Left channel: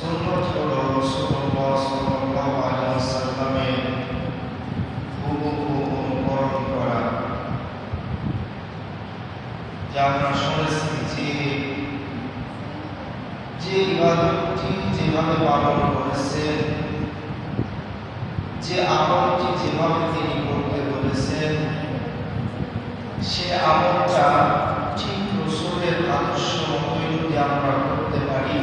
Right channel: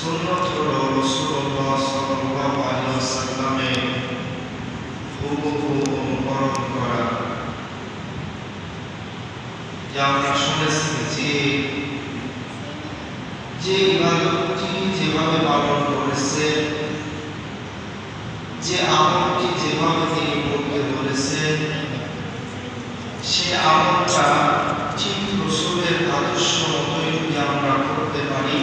সুন্নত হলো রাসূলুল্লাহ সাল্লাল্লাহু আলাইহি ওয়াসাল্লামের হুবহু অনুকরণ করা। যা আমরা শুনেছি যে ইবাদতটি যেভাবে পালন করেছেন, যে আমলটি যেভাবে তিনি করতে বলেছেন, সে আমলটা ঠিক রাসূলের আদর্শ মতোই যদি আমরা করতে পারি,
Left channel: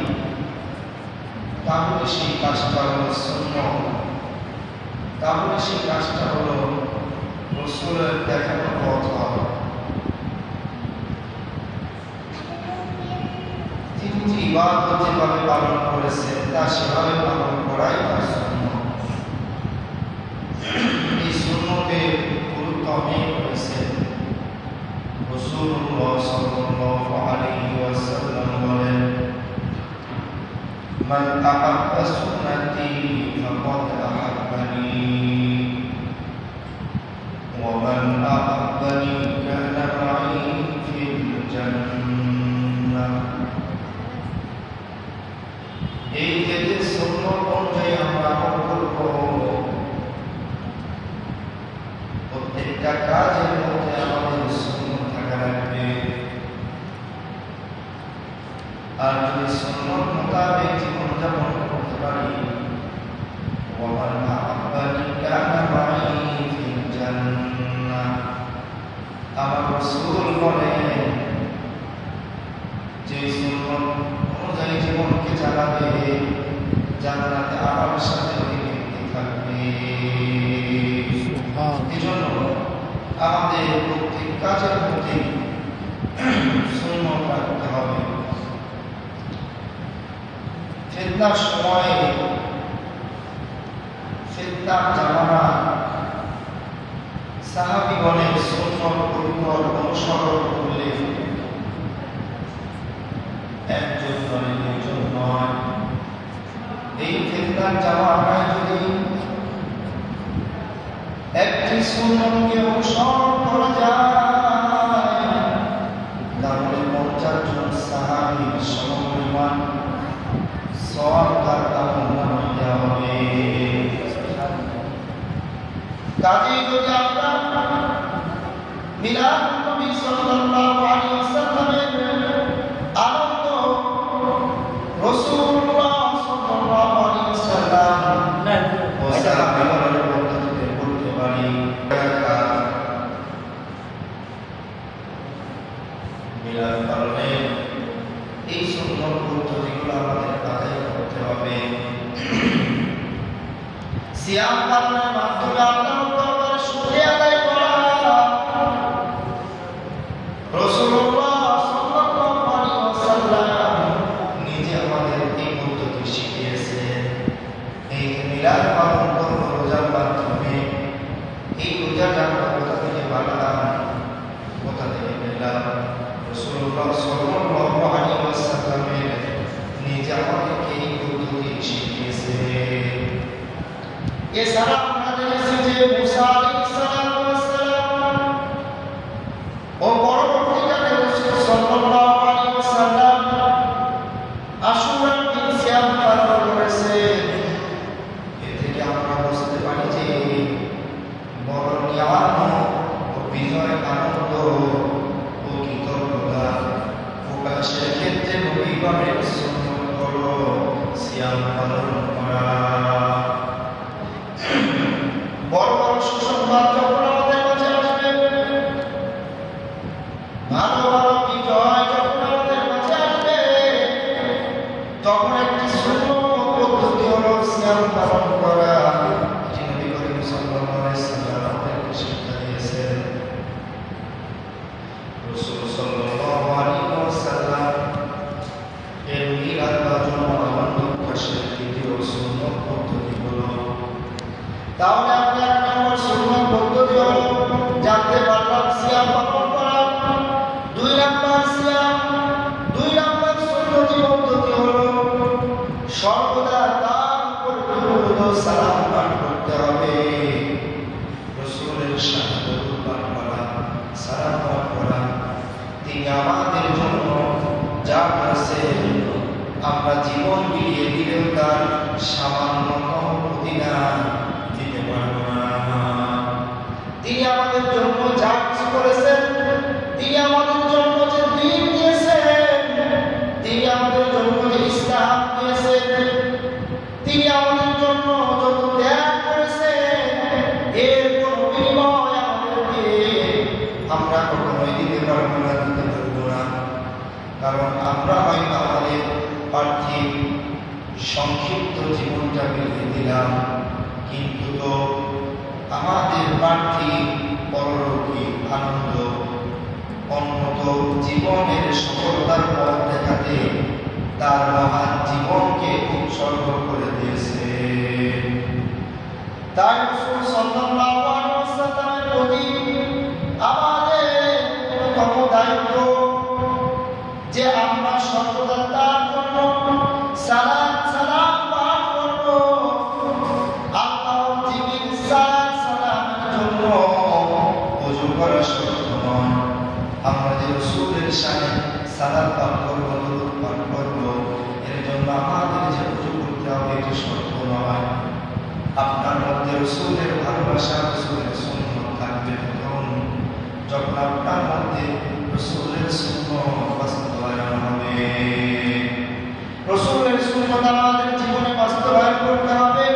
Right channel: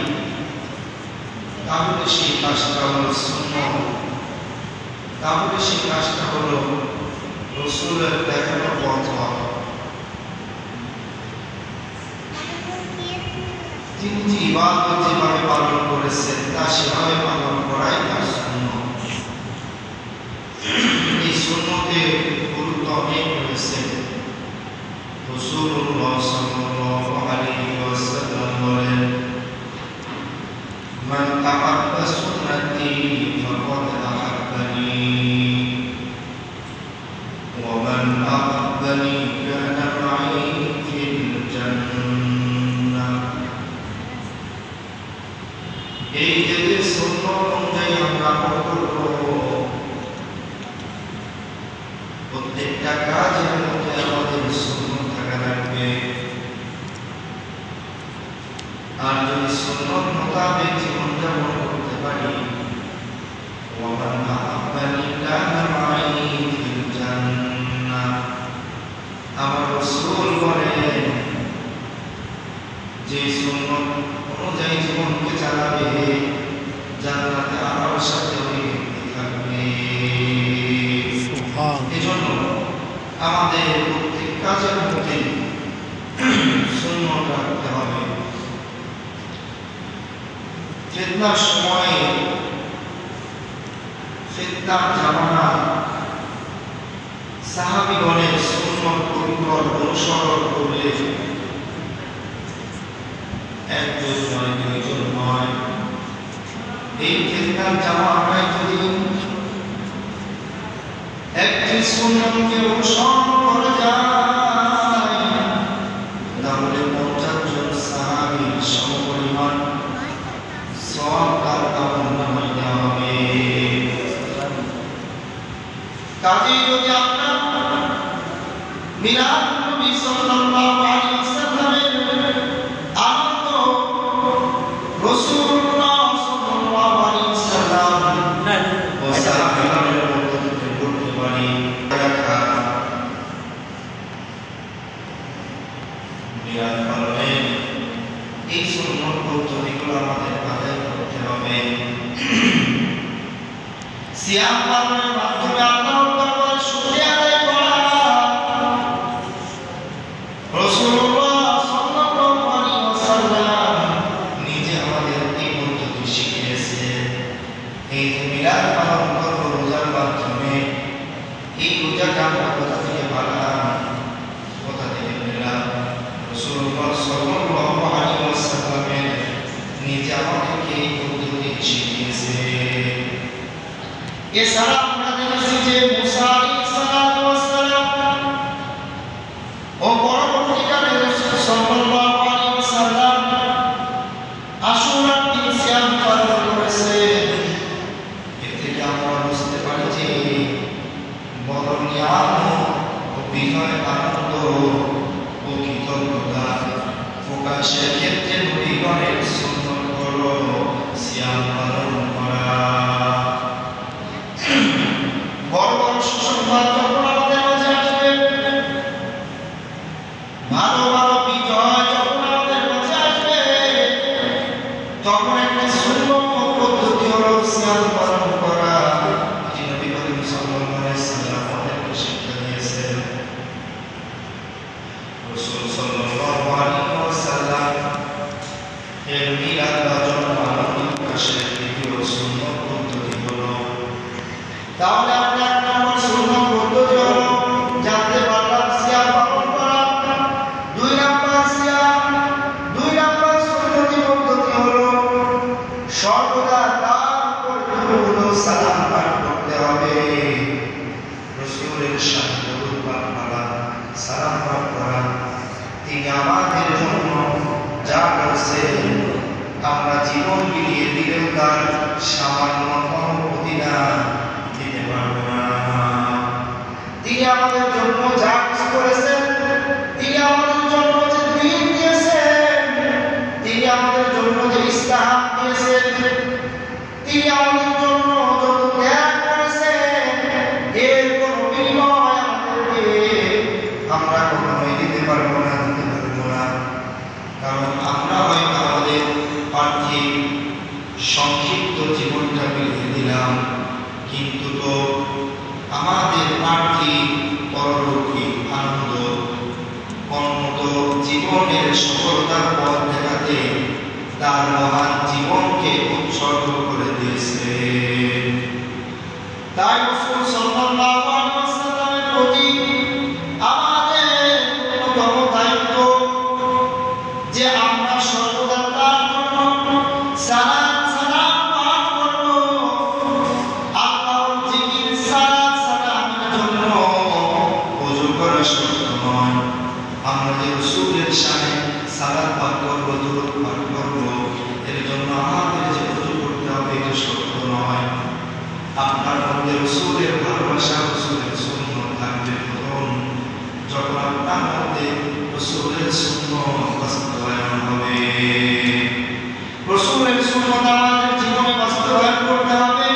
তাহলে সেই কাজটা হলো সুন্নাহ, তাহলে সেই কাজটা হলো রাসূলের দেখানো পথ। তিনি যে ইবাদত যেভাবে পালন করেছেন তা সেভাবে পালন করাই তার সুন্নাহ। এই সুন্নতে গুরুত্ব অনেক রয়েছে। রাসূলুল্লাহ সাল্লাল্লাহু আলাইহি ওয়াসাল্লাম বলেন, মান আহাব্বা সুন্নতি ফাকাদ আহাব্বানি ওয়া মান আহাব্বানি কানা মাই ফিল জান্নাহ। এই যে সুন্নাহ অনুযায়ী আমরা আমল করব, প্রত্যেকটা কাজের মধ্যে আমাদের সুন্নাহ থাকা লাগবে। আর যদি সুন্নাহ মোতাবেক জীবনযাপন করতে পারি, ওয়া মান আহাব্বানি কানা মাই ফিল জান্নাহ। আমার রাসূল বলেন, যে সুন্নাহ অনুযায়ী জীবনকে চালাবে, জান্নাতে আমার সাথে থাকবে। এজন্য আমাদের প্রত্যেক কাজের মধ্যে সুন্নাহ রাখতে হবে। ফিতনার সময়ে, ফিতনার জামানা, সাহাবীগণের সুন্নাহ পরিকর অনুসরণ করলে একজন নয়, দুইজন নয়, এই ফিতনার জামানায় যদি একটি সুন্নাহকে অনুসরণ করা যায়, তাহলে 50 জন সাহাবীর সমপরিমাণ সওয়াব তার আমলনামায় দেওয়া হবে। কাজেই যদি আমরা মিলাদ নবী সাল্লাল্লাহু আলাইহি ওয়াসাল্লামের আনন্দ, রাসূলুল্লাহ সাল্লাল্লাহু আলাইহি ওয়াসাল্লাম ও সাহাবাদের পদ্ধতিতে করতে পারি, মিলাদ পালনে এই সুন্নাহ পদ্ধতিগুলো আমাদের আদায় করতে হবে। সিয়াম পালনের মাধ্যমে আল্লাহর দরবারে শুকরিয়া আদায় করা। রাসূলুল্লাহ সাল্লাল্লাহু আলাইহি ওয়াসাল্লাম নিজে আমাদের এই পদ্ধতি শিখিয়েছেন। এই মিলাদ পালন করব রোজার মাধ্যমে, এই রোজাটা আমরা কোথা থেকে পাললাম, কোথা থেকে পেলাম? রাসূলুল্লাহ সাল্লাল্লাহু আলাইহি ওয়াসাল্লাম নিজে আমাদেরকে এই পদ্ধতি শিখিয়েছে। এছাড়া আমরা দেখেছি যে মুসা আলাইহিস সালাম ও পরবর্তীকালে রাসূল সাল্লাল্লাহু আলাইহি ওয়াসাল্লাম আশুরার দিন সিয়াম পালন করেছেন। এ থেকে আমরা বুঝতে পারি যে বড় নিয়ামত ও বিজয়, আনন্দ ও কৃতজ্ঞতা প্রকাশের ক্ষেত্রে নবীগণের সুন্নাহ হলো সিয়াম পালন করা। বড় বড় সুসংবাদ যখন আমাদের মাঝে আসবে, ভালো ভালো বিজয় যখন আমাদের মাঝে আসবে, তখন একটি সুন্নাহ পদ্ধতি হলো সিয়াম পালন করা। এটি নবী করিম সাল্লাল্লাহু আলাইহি ওয়াসাল্লাম আমাদেরকে শিক্ষা দিয়েছেন। রাসূল সাল্লাল্লাহু আলাইহি ওয়াসাল্লাম এর মিলাদ বা জন্মদিন প্রকাশের দ্বিতীয় সুন্নাহ পদ্ধতি হলো, তাহলে আমরা এক নম্বর সুন্নাহ পদ্ধতি হলো জানতে পারলাম সিয়াম পালন করা। 2 নম্বর সিয়াম, 2 নম্বর সুন্নতি পদ্ধতি হলো সর্বদা তার উপর সালাম পাঠ করতে হবে। রাসূলের সাথে দরুদ পাঠ করা, সালাম পাঠ করা, তিনি আমাদের জন্য আমরা জীবন বিলিয়ে দিলেও তার সামান্যতম প্রতিদান দিতে পারবো না। তিনি আমাদের জন্য যা কিছু করেছেন, তিনি আমাদের জন্য যে দিন দিয়েছেন, তিনি আমাদের জন্য যে ইস্তাহার দিয়েছেন, তিনি আমাদের জন্য যত ত্যাগ করেছেন, এর কোনো বিনিময় আমাদেরকে আমরা কখনোই দিতে পারবো না, দিতে পারবো না। কারণ আমরা হয়তো আমাদের পার্থিব সংক্ষিপ্ত জীবনটা বিলিয়ে দিলাম, কিন্তু তো আমাদের পার্থিব পরলৌকিক আনন্দ অন্যত জীবনের সফলতার পথ দেখাতে তার মহান জীবনকে উৎসর্গ করে দিয়েছে। তাই রাসূল সাল্লাল্লাহু আলাইহি ওয়াসাল্লামের প্রতি আমাদের অন্যতম দায়িত্ব যে আমরা সর্বদা তার জন্য সালাত সালাম পাঠ করব। আল্লাহর জিকির সালাত সালামের জন্য ওযু করা শর্ত নয়। আমরা যে রাসূলের শানে সালাত পাঠ করব, দুরূদ পাঠ করব, এর জন্য আমাদের যে ওযু করতে হবে এটা শর্ত নয়। আপনার মধ্যে রাসূলের ভালোবাসা, রাসূলের সুন্নাত থাকবে তখন যখন আপনার মধ্যে রাসূলের সুন্নাত বাস্তবায়ন হবে। রাসূলের সুন্নাত আমাদের জীবনে বাস্তবায়ন করতে হবে।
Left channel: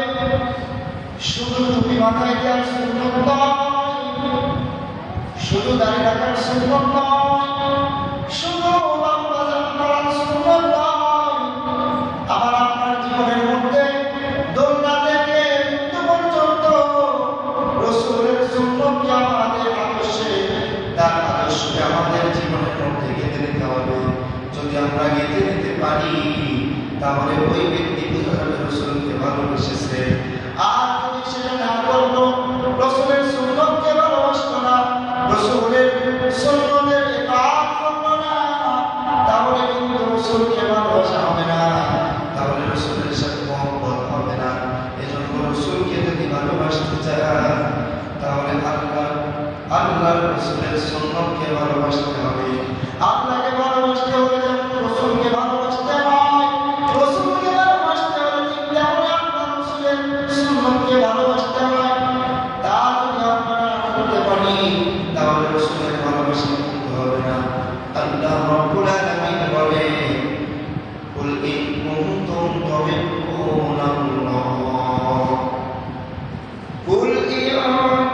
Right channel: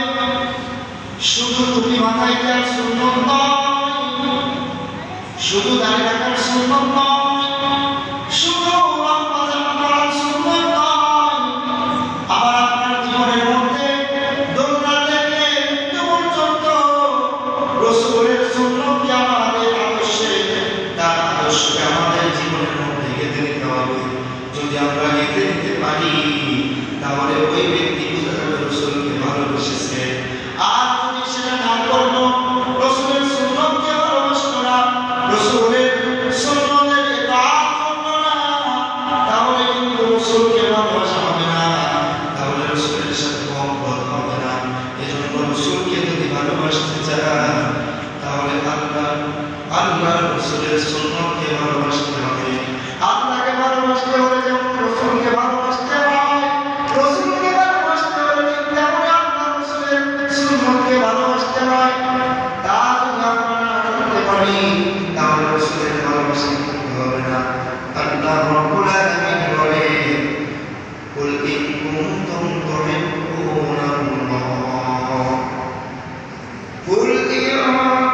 শুধু টুপি মাথায় দেওয়ার সুন্নাত নয়, শুধু দাড়ি রাখার সুন্নাত নয়, শুধু লম্বা জামা পরার সুন্নাত নয়। আবার আপনার জীবনের মধ্যে দোলনা থেকে মৃত্যু পর্যন্ত রাসূলের সুন্নাতকে আমাদের আদর্শে, তার আদর্শকে আমাদের জীবনের মধ্যে গেঁথে নিতে হবে। যদি আমরা গেঁথে নিতে পারি তাহলে ওই ব্যক্তি বুঝতে পারবে রাসূলকে ভালোবেসেছে। আর যদি সেটা না করলো, রাসূলের সুন্নাতকে ভালোবাসলো না, রাসূলের সুন্নাতের ইতাআত করলো না, তাহলে কিন্তু রাসূলকে ভালোবাসা হবে না, তাহলে রাসূলের সাথে মহব্বত হবে না। এজন্য রাসূলকে যদি ভালোবাসতে চান তাহলে আল্লাহ রাসূলের সুন্নাতকে ভালোবাসতে হবে। আল্লাহকে ভালোবাসতে হলে যেমন রাসূলকে ভালোবাসতে হয়, রাসূলকে ভালোবাসতে হলে তেমন আল্লাহ রাসূলের সুন্নাতকে ভালোবাসতে হয়। তা যদি আমরা না করতে পারি তাহলে রাসূলের ভালোবাসা করতে হবে না। আল্লাহ রাব্বুল আলামিন বলে, কুল ইন কুনতুম তুহিব্বুনাল্লাহ, কুল ইন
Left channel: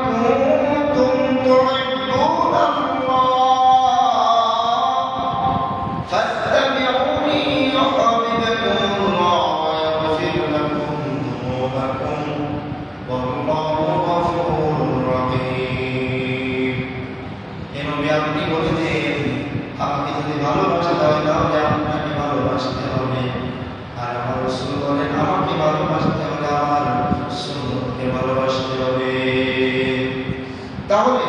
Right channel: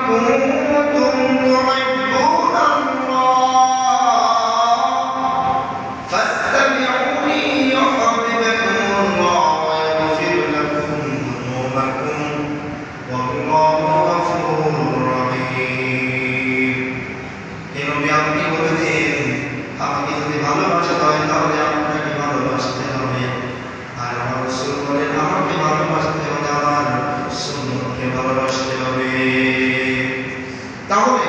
কুনতুম তুহিব্বুনাল্লাহ ফাত্তাবিউনি ইউহিব্বুকুমুল্লাহ ওয়া ইয়াগফির লাকুম যুনুবাকুম ওয়াল্লাহু গফুরুর রহিম। এই নবী আপনি বলেছেন, আমাকে যদি ভালোবাসতে হয় তাহলে আপনাকে ভালোবাসতে হবে। আর আমার রাসূল বলেন, আমাকে ভালোবাসতে হলে আমার সুন্নাতকে ভালোবাসতে হবে। তাহলে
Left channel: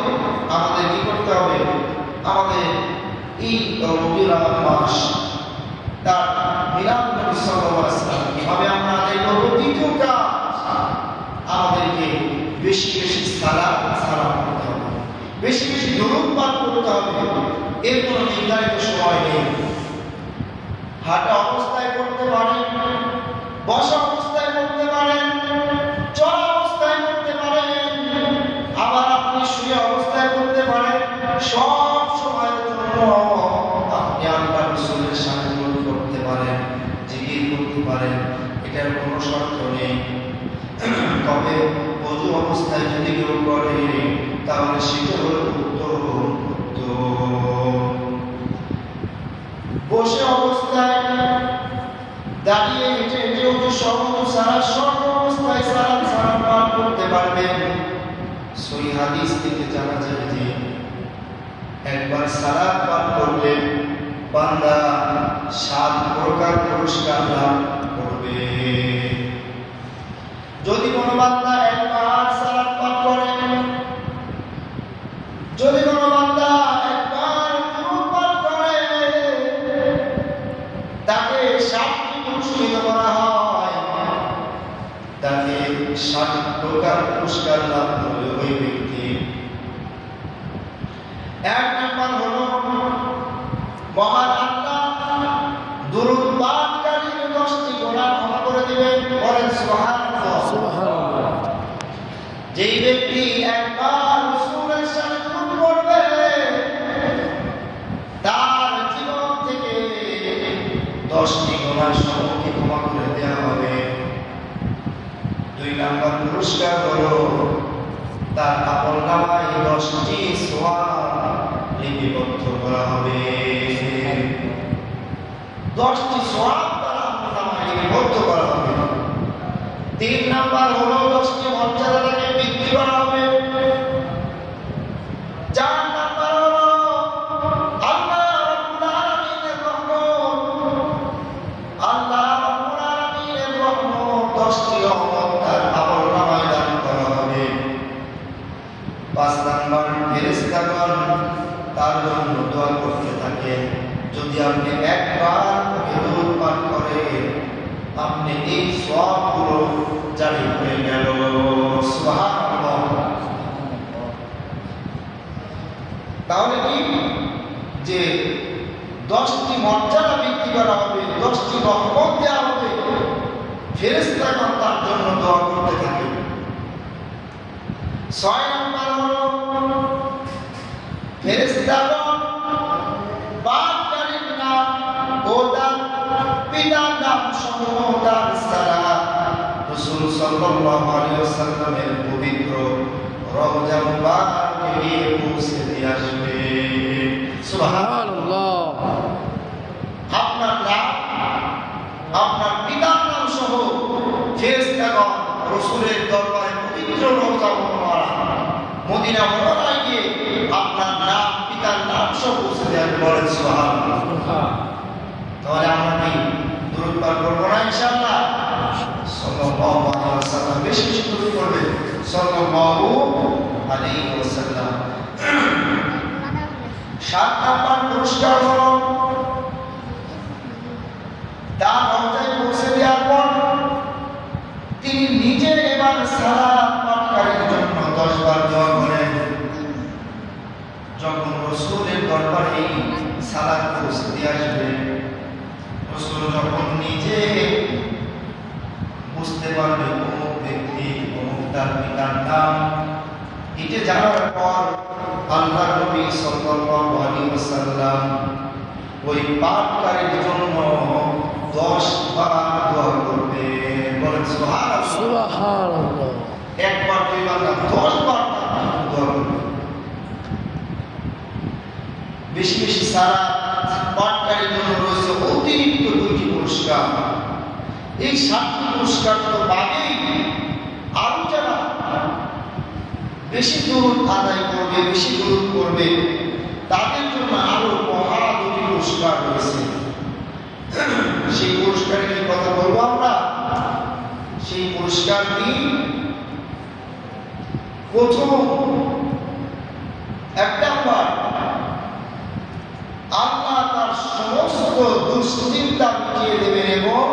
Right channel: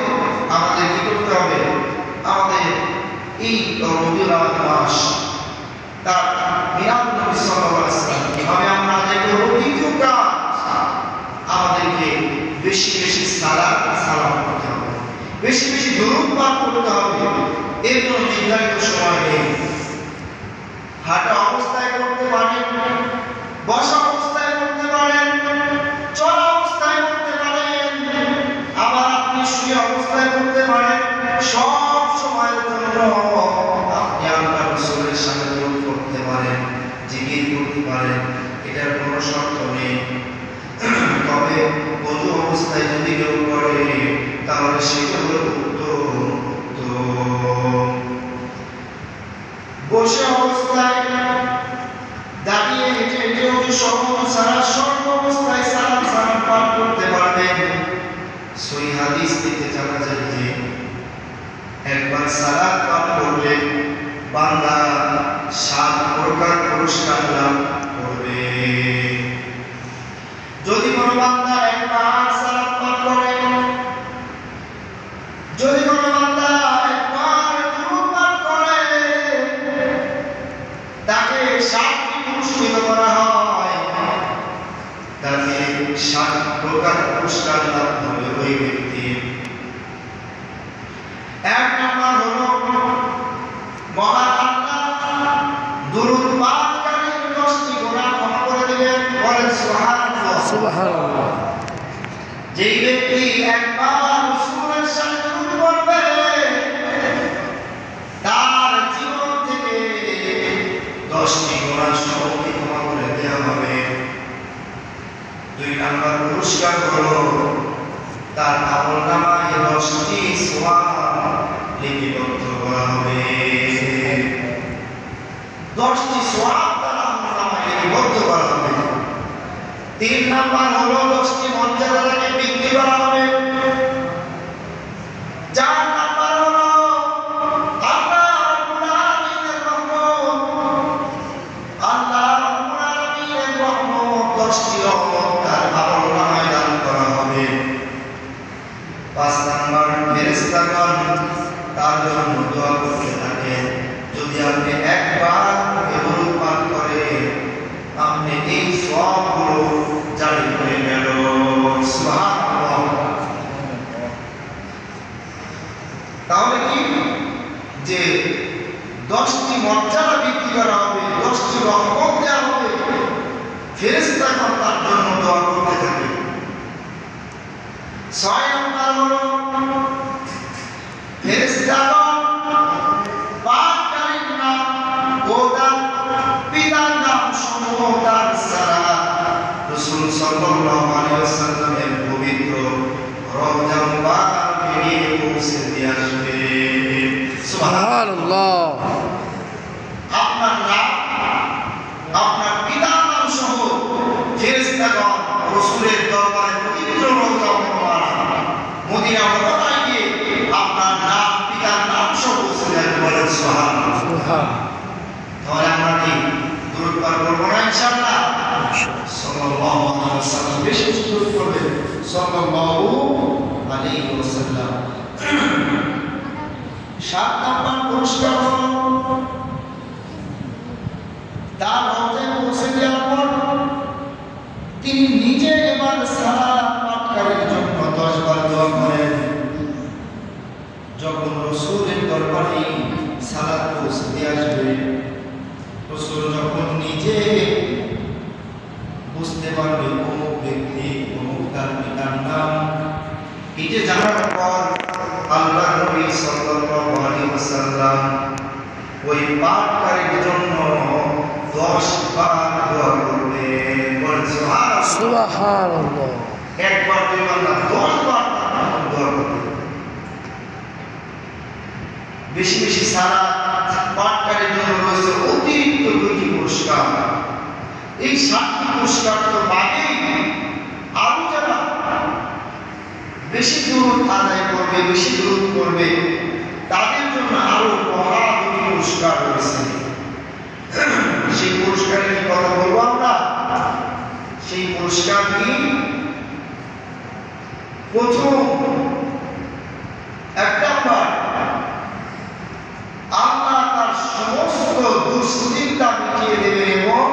আমাদের কি করতে হবে? আমাদের এই রবিউল আউয়াল মাস, তার মিলাদুন নবী সাল্লাল্লাহু আলাইহি ওয়াসাল্লাম কিভাবে আমরা আদায় করব? দ্বিতীয় কাজ, আমাদেরকে বেশি বেশি সালাত সালাম করতে হবে, বেশি বেশি দরুদ পাঠ করতে হবে। এর কোনো নির্ধারিত সময় নেই। হাঁটা অবস্থায় করতে পারেন, বসা অবস্থায় করতে পারেন, চলা অবস্থায় করতে পারেন, আবার আপনি শুয়ে অবস্থায় করতে পারেন। সব সময়ের জন্য আপনি আল্লাহ রাসূলের সাথে দরুদ করতে পারেন, জিকির করতে পারেন, এটার কোনো শর্ত নেই। তবে ওযু অবস্থায় যদি কেউ করে তাহলে সেটা হলো উত্তম। বসে অবস্থায়, দাঁড়িয়ে, হেঁটে হেঁটে ওযু সারা সর্ব অবস্থায় সালাম সালাম পাঠ করতে পারবেন। সহিহ হাদিস থেকে জানা যায় যে একবার সালাত পাঠ করলে বান্দা 7 প্রকার পুরস্কার লাভ করবে। যদি কোনো বান্দা একবার সালাত পাঠ করে, যদি কোনো বান্দা একবার দুরূদ পাঠ করে, তাকে 7টি পুরস্কৃত করা হয়, তাকে 7 প্রকার পুরস্কার লাভ হবে ওই ব্যক্তি। এক নম্বর হলো মহান আল্লাহ দুরূদ পাঠকারী 10টি গুনাহ সবকে ক্ষমা করে দেওয়া হবে। 2 নাম্বার পুরস্কার হলো তার আমলনামায় 10টি সওয়াব লিপিবদ্ধ করা হবে। 10টি সওয়াব তার আমলনামায় লিপিবদ্ধ করা হবে। 3 নাম্বার হলো 10টি মর্যাদাকে বৃদ্ধি করা হবে। 4 নাম্বার হলো আল্লাহ রাব্বুল আলামিনের রহমত। আল্লাহ রাব্বুল আলামিনের রহমত 10টি রহমত তার আমলনামায় দান করা হবে। 5 নাম্বার ফেরেশতাগণ তার জন্য দোয়া করতে থাকে। যদি আপনি একবার দরুদ পাঠ করেন আপনি এই সওয়াবগুলো জারি হয়ে গেল। সুবহানাল্লাহ। তাহলে কি যে 10টি মর্যাদা বৃদ্ধি করা হবে, 10টি রহমত দেওয়া হবে, ফেরেশতাগণ তার জন্য দোয়া করতে থাকে। 6 নাম্বার হলো ফেরেশতাগণ পাককারীর নাম ও তার পিতার নাম সমূহ তার সালাত রাসূল সাল্লাল্লাহু আলাইহি ওয়াসাল্লামের পবিত্র রওজা মুবারকে নিয়ে পৌঁছে দিয়ে আসবে। সুবহানাল্লাহ। আপনার নাম আপনার পিতার নাম সহ ফেরেশতাগণ রাসূলের দরবারে পবিত্র রওজা মুবারক মদিনা মুনাওয়ারায় গিয়ে আপনার নাম পিতার নাম সহ পৌঁছে দেন। বলেন সুবহানাল্লাহ। তাহলে আমরা কি দরুদ পাঠ করব না ইনশাআল্লাহ? সাল্লাল্লাহু আলাইহি ওয়াসাল্লাম বেশি বেশি দরুদ পড়বেন। সাল্লাল্লাহু আলাইহি ওয়াসাল্লাম। 7 নাম্বার পুরস্কার হলো তার রওজায় পৌঁছে দেওয়ার পর তিনি নিজে এবার সালাত পাঠকারীর জন্য 10 বার দোয়া করেন। যখন রাসূলের দরবারে সালাত পৌঁছে দিয়ে আসবে, রাসূল যখন নিজে বুঝতে পারবে অমুক ব্যক্তি অমুক তার পিতার নাম, এটা জানার পর আল্লাহ নবী সাল্লাল্লাহু আলাইহি ওয়াসাল্লাম ওই পাঠকারীর জন্য 10 বার দোয়া করবে। বলেন সুবহানাল্লাহ। একবার দুইবার না 10 বার দোয়া করবে। বেশি বেশি সালাত পাঠকারীর জন্য রয়েছে অতিরিক্ত 2টি পুরস্কার। এই 7টি পুরস্কার তো বাদেই আরো যারা বেশি দরুদ আদায় করবে, বেশি দরুদ করবে, তাদের জন্য আরো মহা 2টি পুরস্কার রয়েছে। সেই পুরস্কারের কি কথা বলবো আমরা? সেই পুরস্কার কি? প্রথম 1 নাম্বার আল্লাহ তার সমস্ত দুশ্চিন্তা মিটিয়ে দেবেন এবং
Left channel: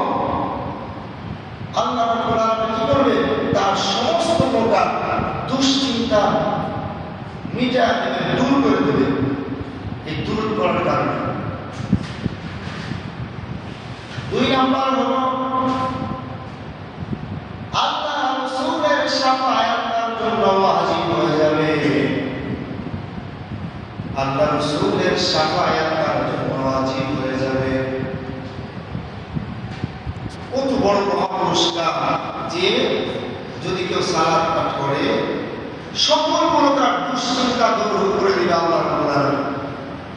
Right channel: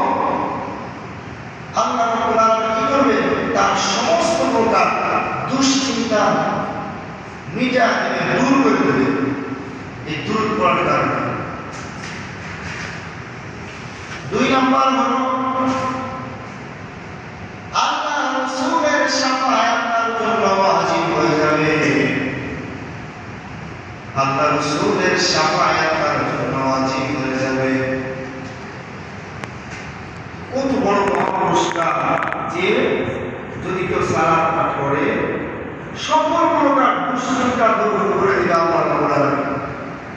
আল্লাহ রাব্বুল আলামিন কি করবেন? তার সমস্ত প্রকার দুশ্চিন্তা মিটিয়ে দেবেন, দূর করে দেবেন এই দূর করার কারণে। 2 নাম্বার হলো আল্লাহ রাসূলের শাফায়াত তার জন্য ওয়াজিব হয়ে যাবে। আল্লাহ রাসূলের শাফায়াত তার জন্য ওয়াজিব হয়ে যাবে। কত বড় পুরস্কার যে যদি কেউ সালাত পাঠ করে সকল প্রকার দুশ্চিন্তা দূর করে দিবে আল্লাহ রাব্বুল আলামিন।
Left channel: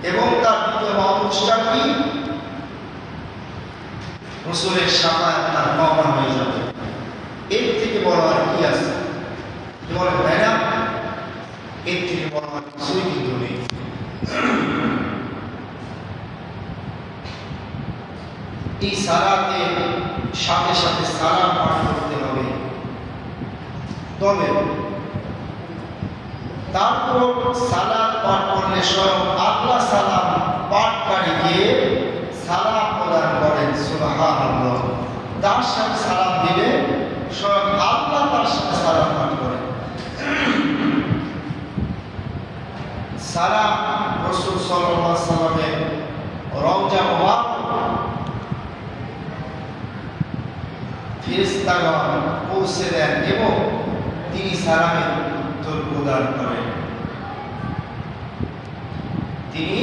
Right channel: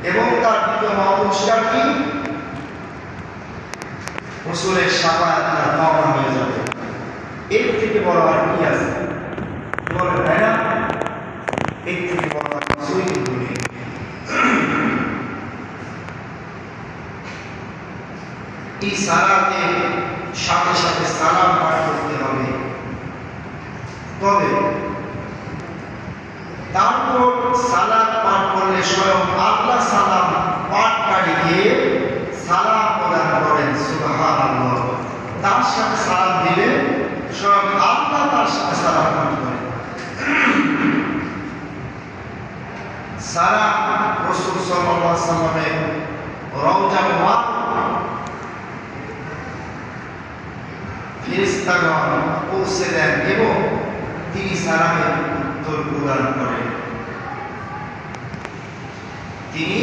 এবং তার দ্বিতীয় পুরস্কার কি? রাসূলের শাফায়াত তার পাওয়া হয়ে যাবে। এর থেকে বড় আর কি আছে? বলেন তাই না? এর থেকে বড় আর কিছুই কিন্তু নেই। এই সালাতে সাথে সাথে সালাম পাঠ করতে হবে। তবে তারপর সালাত পাঠ করলে স্বয়ং আল্লাহ সালাম পাঠকারীকে সালাম প্রদান করেন। সুবহানাল্লাহ। তার সাথে সালাম দিলে স্বয়ং আল্লাহ তার সাথে সালাম পাঠ করেন। সালাম রাসূল সাল্লাল্লাহু আলাইহি ওয়াসাল্লামের রওজা মুবারক ফেরেশতাগণ পৌঁছে দেন এবং তিনি সালামের উত্তর প্রদান করেন। তিনি